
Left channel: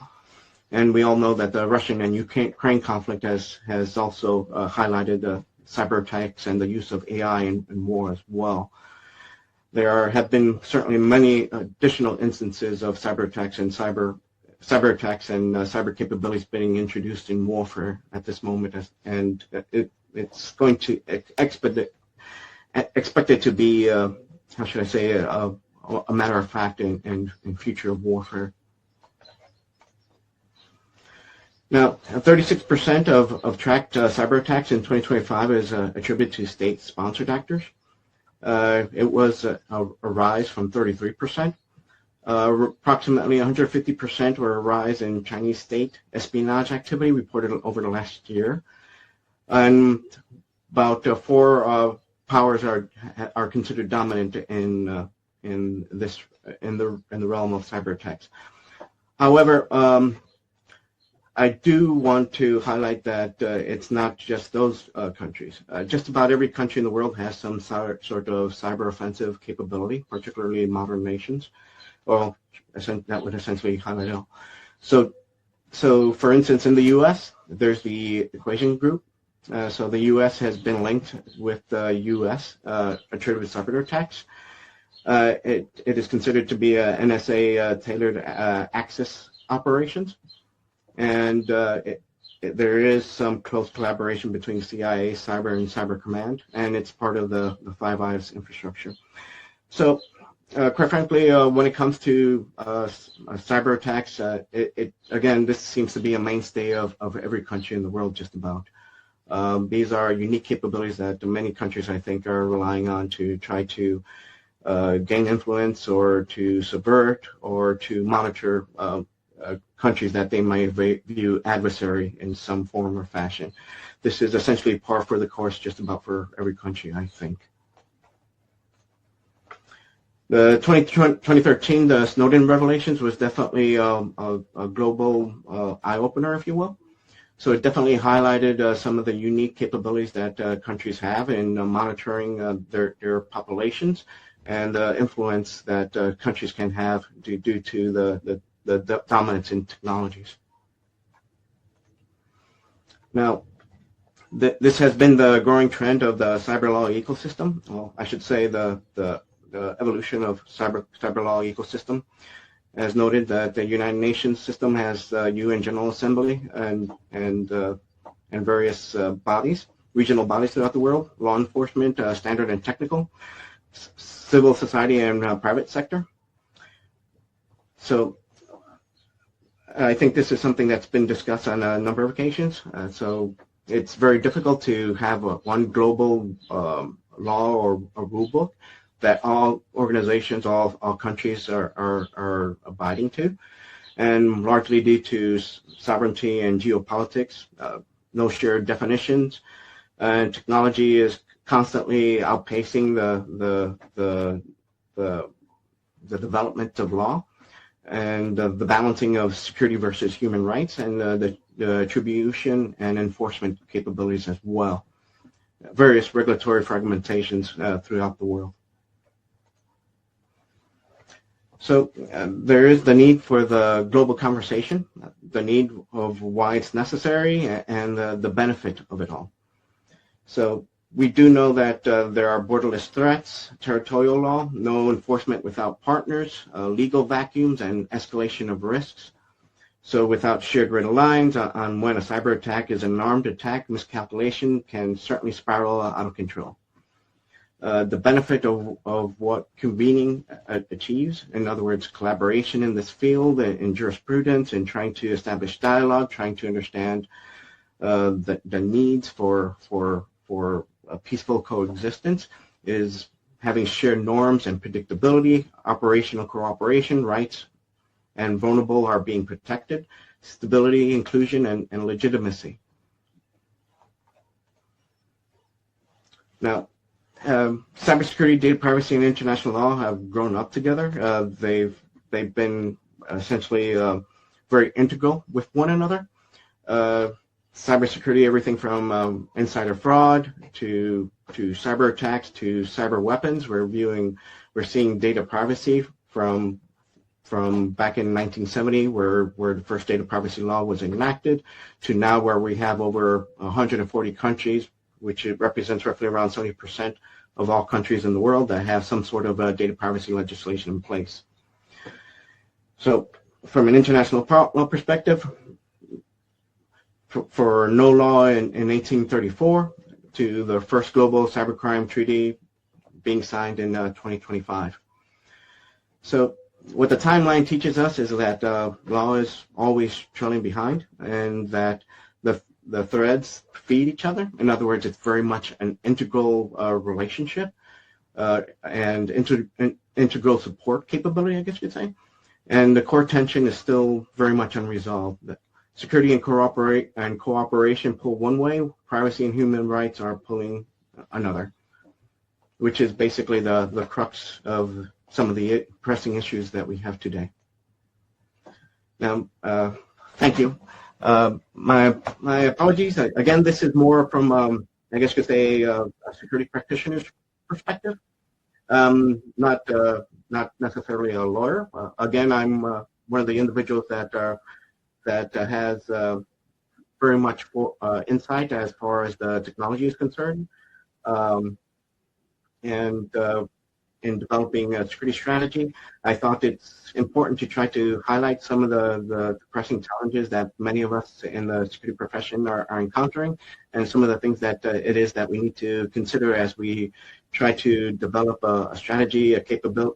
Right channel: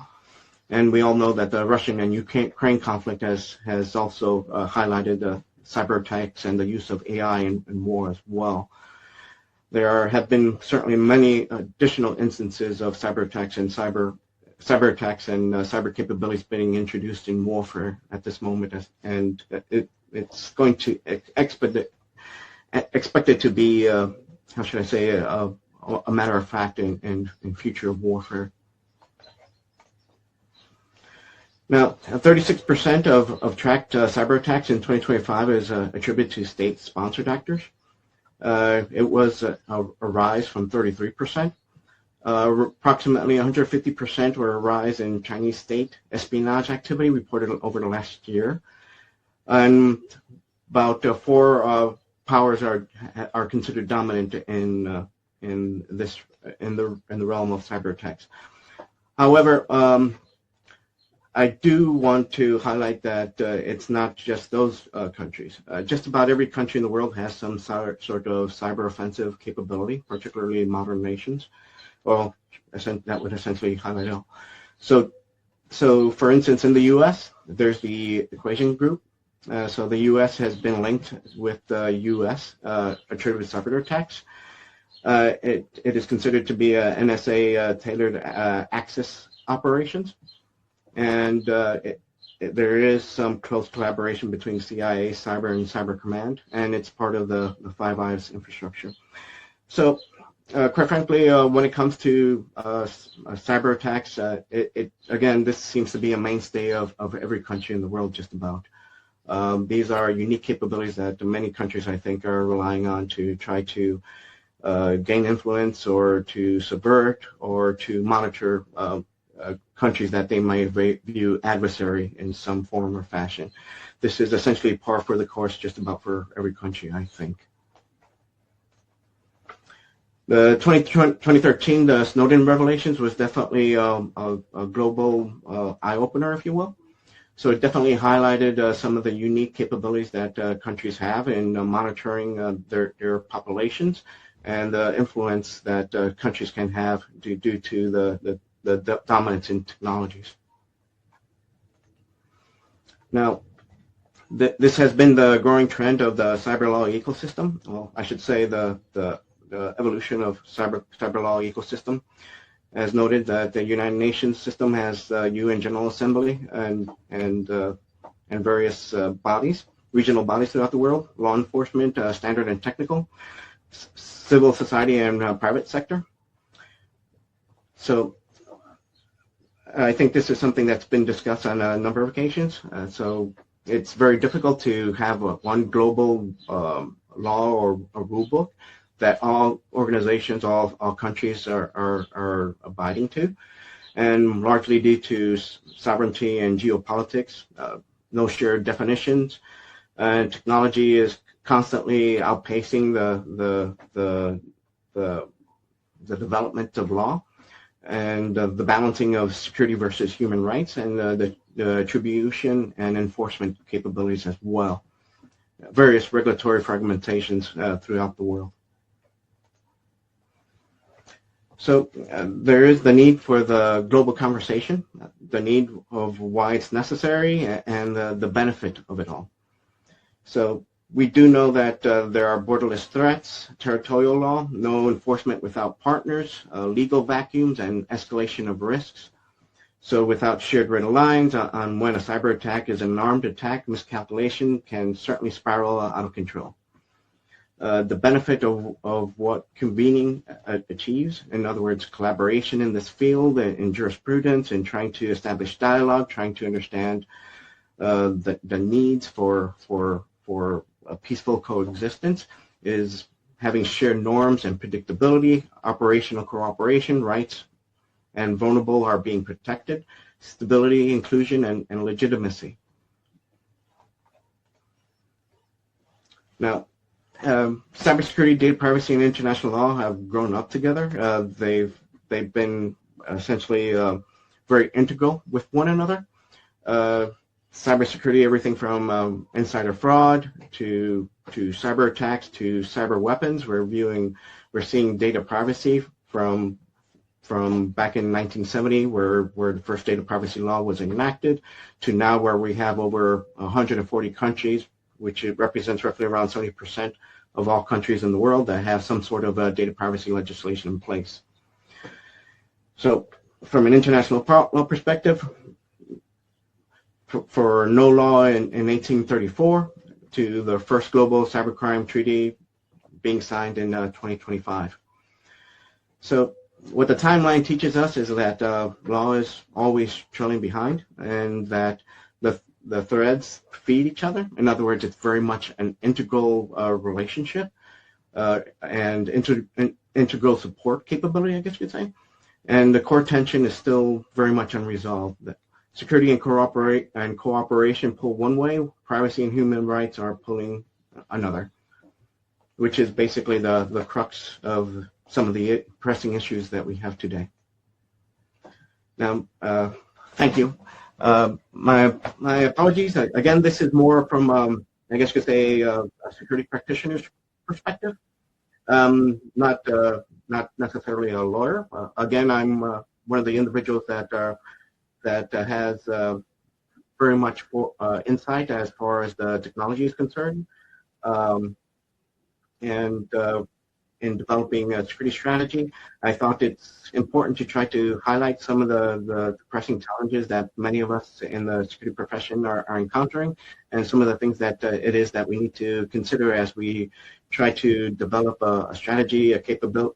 And we all know that the Russian and Ukraine conflict has also highlighted cyber attacks and the use of AI in war as well. There have been certainly many additional instances of cyber attacks and cyber capabilities being introduced in warfare at this moment, and it's going to expected to be, how should I say, a matter of fact in future warfare. Now, 36% of tracked cyber attacks in 2025 is attributed to state-sponsored actors. It was a rise from 33%. Approximately 150% were a rise in Chinese state espionage activity reported over the last year, and about 4 powers are considered dominant in the realm of cyber attacks. However, I do want to highlight that it's not just those countries. Just about every country in the world has some sort of cyber offensive capability, particularly modern nations. Well, that would essentially highlight it all. So for instance, in the U.S., there's the Equation Group. So the U.S. has been linked with the U.S. attributed cyber attacks. It is considered to be a NSA tailored Axis operations. And there is some close collaboration between CIA, Cyber, and Cyber Command, and it's part of the Five Eyes infrastructure. So, quite frankly, when it comes to cyber attacks, again, this seems to be a mainstay of every country in the world, just about. These are unique capabilities that many countries, I think, are relying on to try to gain influence or to subvert or to monitor countries that they might view adversary in some form or fashion. This is essentially par for the course just about for every country, I think. The 2013, the Snowden revelations was definitely a global eye-opener, if you will. So it definitely highlighted some of the unique capabilities that countries have in monitoring their populations and the influence that countries can have due to the dominance in technologies. Now, this has been the growing trend of the cyber law ecosystem. Well, I should say the evolution of cyber law ecosystem. As noted, that the United Nations system has UN General Assembly, and and various bodies, regional bodies throughout the world, law enforcement, standard and technical, civil society, and private sector. So I think this is something that's been discussed on a number of occasions. So it's very difficult to have one global law or a rule book that all organizations, all countries are abiding to. And largely due to sovereignty and geopolitics, no shared definitions, technology is constantly outpacing the development of law, and the balancing of security versus human rights, and the attribution and enforcement capabilities as well. Various regulatory fragmentations throughout the world. So there is the need for the global conversation, the need of why it's necessary, and the benefit of it all. So we do know that there are borderless threats, territorial law, no enforcement without partners, legal vacuums, and escalation of risks. So without shared red lines on when a cyber attack is an armed attack, miscalculation can certainly spiral out of control. The benefit of what convening achieves, in other words, collaboration in this field, in jurisprudence, and trying to establish dialogue, trying to understand the needs for a peaceful coexistence, is having shared norms and predictability, operational cooperation, rights and vulnerable are being protected, stability, inclusion, and legitimacy. Now, cybersecurity, data privacy, and international law have grown up together. They've been essentially very integral with one another. Cybersecurity, everything from insider fraud to cyber attacks to cyber weapons. We're seeing data privacy from back in 1970, where the first data privacy law was enacted, to now where we have over 140 countries, which represents roughly around 70% of all countries in the world that have some sort of data privacy legislation in place. So from an international law perspective, for no law in 1834 to the first global cybercrime treaty being signed in 2025. So what the timeline teaches us is that law is always trailing behind, and that the threads feed each other. In other words, it's very much an integral relationship and integral support capability, I guess you'd say. And the core tension is still very much unresolved. Security and cooperation pull one way, privacy and human rights are pulling another, which is basically the crux of some of the pressing issues that we have today. Now, thank you. My apologies. Again, this is more from, I guess you could say, a security practitioner's perspective, not necessarily a lawyer. Again, I'm one of the individuals that has very much insight as far as the technology is concerned, and in developing a security strategy, I thought it's important to try to highlight some of the pressing challenges that many of us in the security profession are encountering, and some of the things that it is that we need to consider as we try to develop a strategy,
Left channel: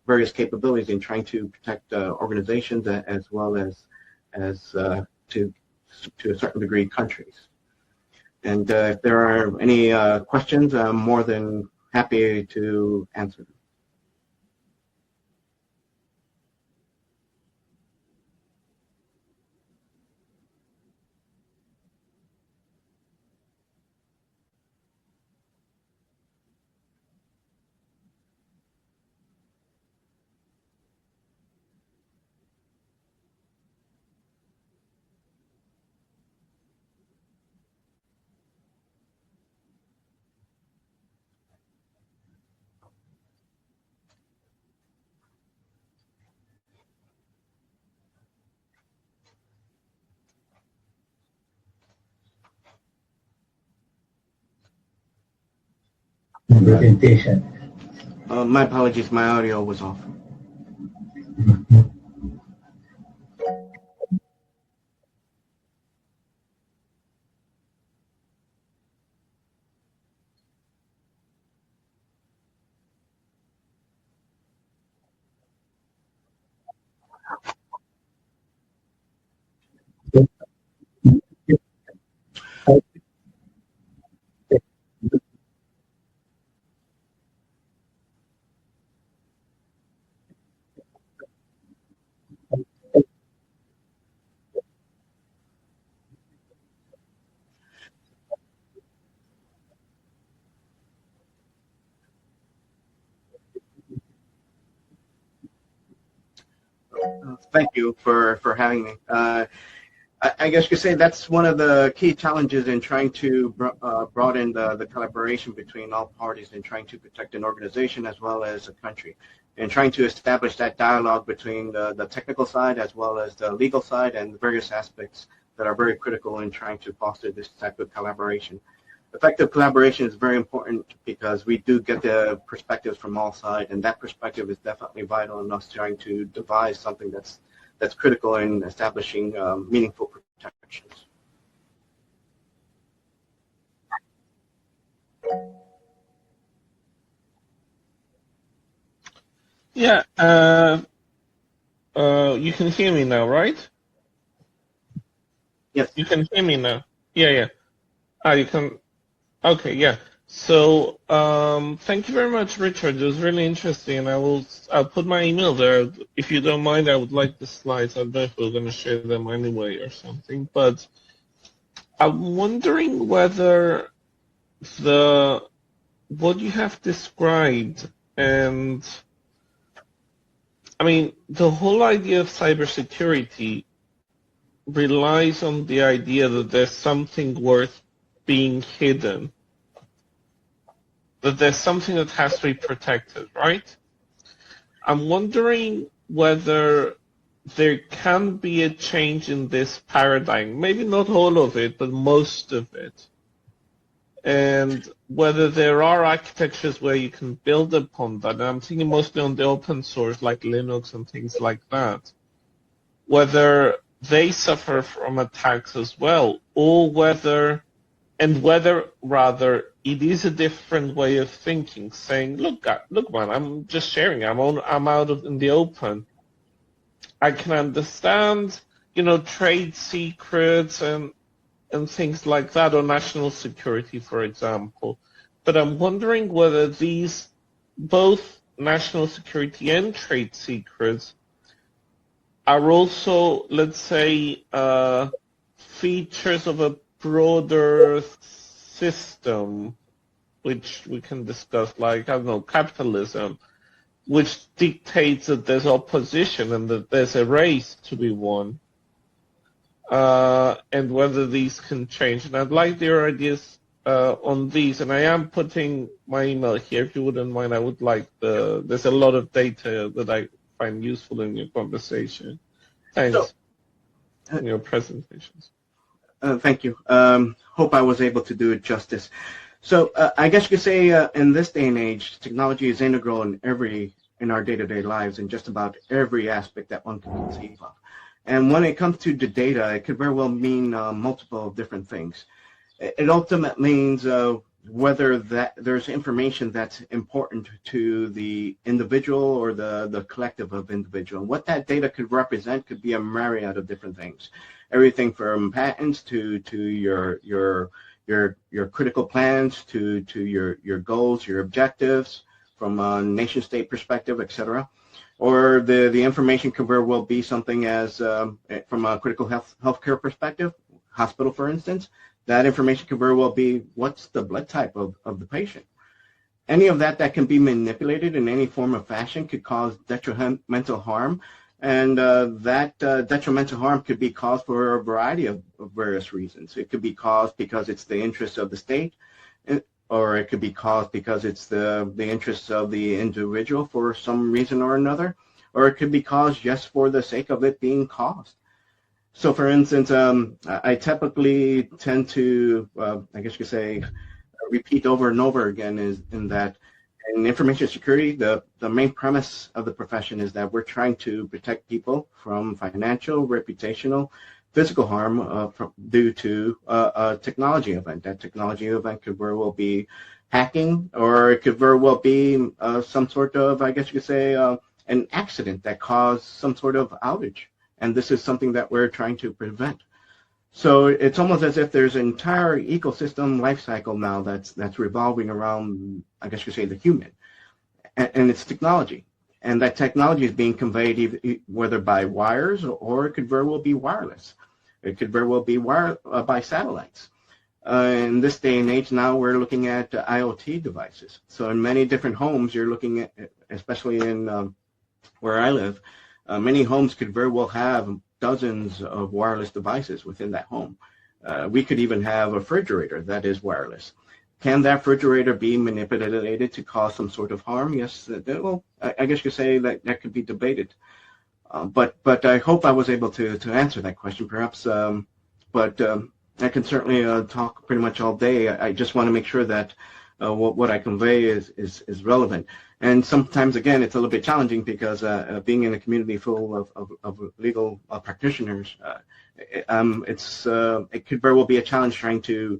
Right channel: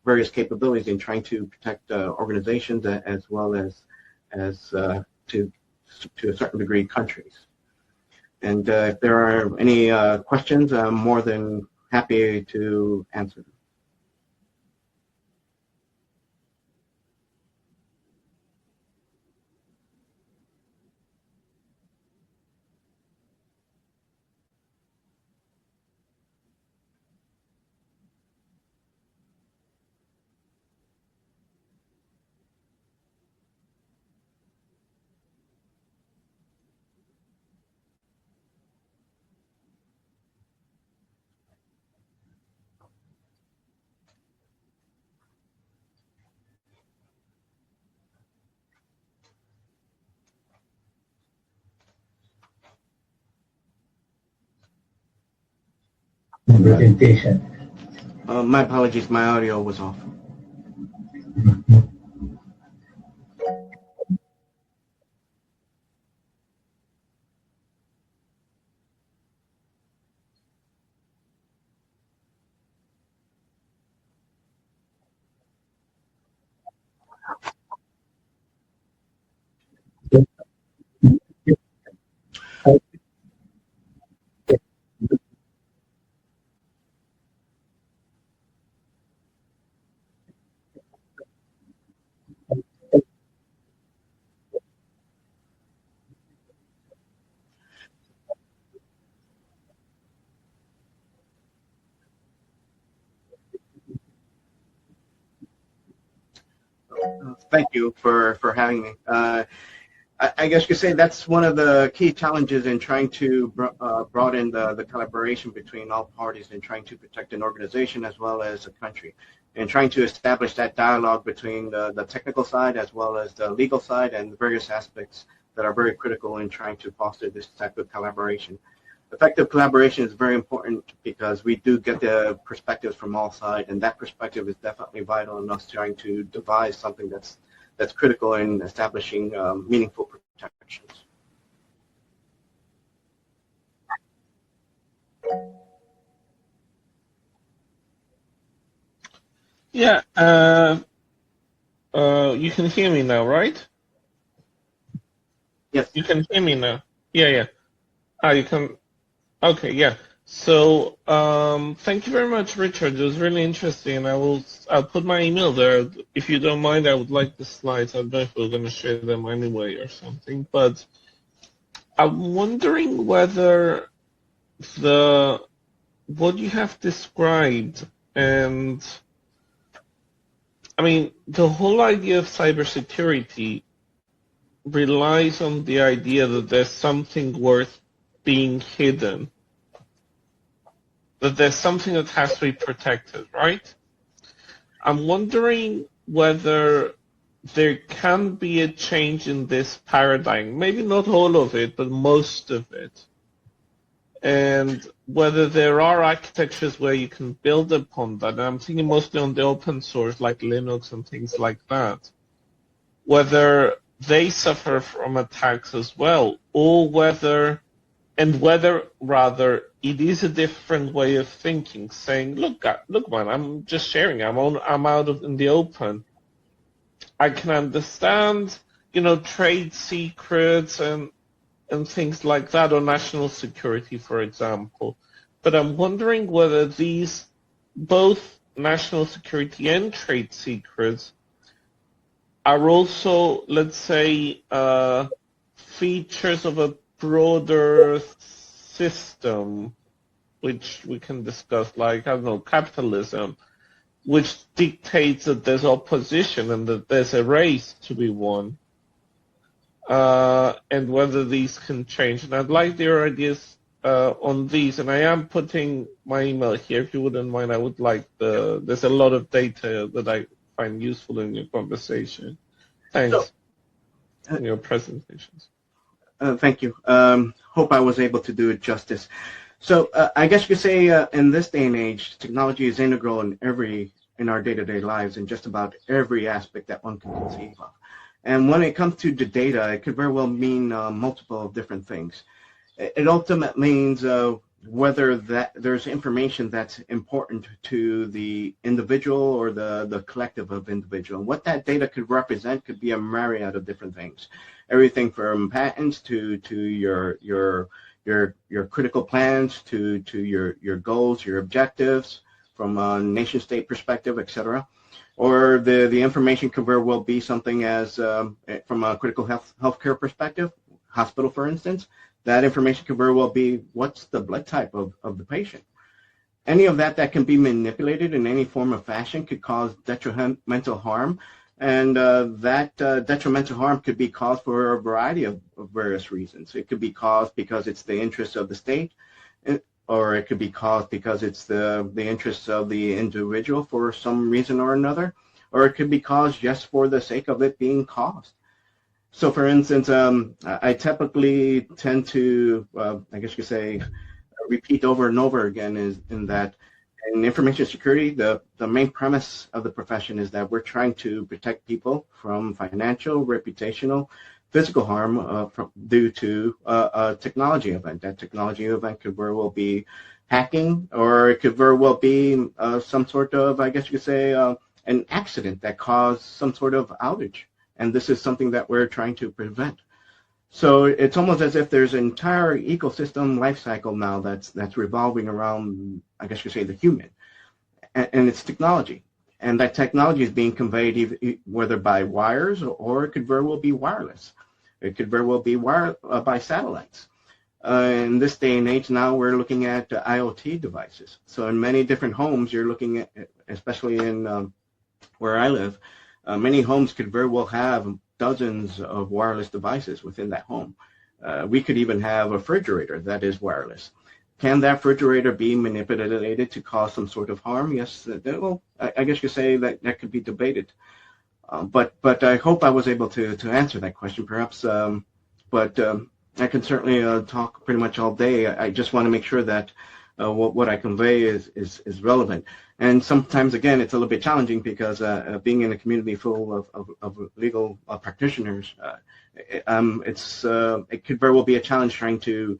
various capabilities in trying to protect organizations as well as to a certain degree countries. And if there are any questions, I'm more than happy to answer them. Presentation. My apologies, my audio was off. Thank you for having me. I guess you could say that's one of the key challenges in trying to broaden the collaboration between all parties in trying to protect an organization as well as a country, and trying to establish that dialogue between the technical side as well as the legal side and various aspects that are very critical in trying to foster this type of collaboration. Effective collaboration is very important because we do get the perspectives from all sides, and that perspective is definitely vital in us trying to devise something that's critical in establishing meaningful protections. Yeah, you can hear me now, right? Yes. You can hear me now. Yeah, yeah. You can. Okay, yeah. So, thank you very much, Richard. It was really interesting. I'll put my email there. If you don't mind, I would like the slides. I don't know if we're going to share them anyway or something. But I'm wondering whether what you have described, and I mean, the whole idea of cybersecurity relies on the idea that there's something worth being hidden, that there's something that has to be protected, right? I'm wondering whether there can be a change in this paradigm, maybe not all of it, but most of it, and whether there are architectures where you can build upon that. And I'm thinking mostly on the open source like Linux and things like that, whether they suffer from attacks as well, or whether rather it is a different way of thinking, saying, look man, I'm just sharing, I'm out in the open. I can understand, trade secrets and things like that, or national security, for example. But I'm wondering whether these, both national security and trade secrets, are also, let's say, features of a broader system, which we can discuss, like, I don't know, capitalism, which dictates that there's opposition and that there's a race to be won, and whether these can change. And I'd like your ideas on these, and I am putting my email here, if you wouldn't mind. I would like there's a lot of data that I find useful in your conversation. Thanks in your presentations. Thank you. Hope I was able to do it justice. So I guess you could say in this day and age, technology is integral in our day-to-day lives in just about every aspect that one can conceive of. And when it comes to the data, it could very well mean multiple different things. It ultimately means whether there's information that's important to the individual or the collective of individual. What that data could represent could be a myriad of different things. Everything from patents to your critical plans to your goals, your objectives from a nation state perspective, etc. Or the information could very well be something as from a critical healthcare perspective, hospital for instance. That information could very well be what's the blood type of the patient. Any of that can be manipulated in any form of fashion could cause detrimental harm. And that detrimental harm could be caused for a variety of various reasons. It could be caused because it's the interests of the state, or it could be caused because it's the interests of the individual for some reason or another, or it could be caused just for the sake of it being caused. So for instance, I typically tend to, I guess you could say, repeat over and over again is in that in information security, the main premise of the profession is that we're trying to protect people from financial, reputational, physical harm due to a technology event. That technology event could very well be hacking, or it could very well be some sort of, I guess you could say, an accident that caused some sort of outage. And this is something that we're trying to prevent. So it's almost as if there's an entire ecosystem life cycle now that's revolving around, I guess you say, the human and its technology. And that technology is being conveyed whether by wires or it could very well be wireless. It could very well be by satellites. In this day and age now, we're looking at IoT devices. So in many different homes, you're looking at, especially in where I live, Many homes could very well have dozens of wireless devices within that home. We could even have a refrigerator that is wireless. Can that refrigerator be manipulated to cause some sort of harm? Yes, well, I guess you say that that could be debated. But I hope I was able to answer that question, perhaps. But I can certainly talk pretty much all day. I just want to make sure that what I convey is relevant. And sometimes, again, it's a little bit challenging because being in a community full of legal practitioners, it could very well be a challenge trying to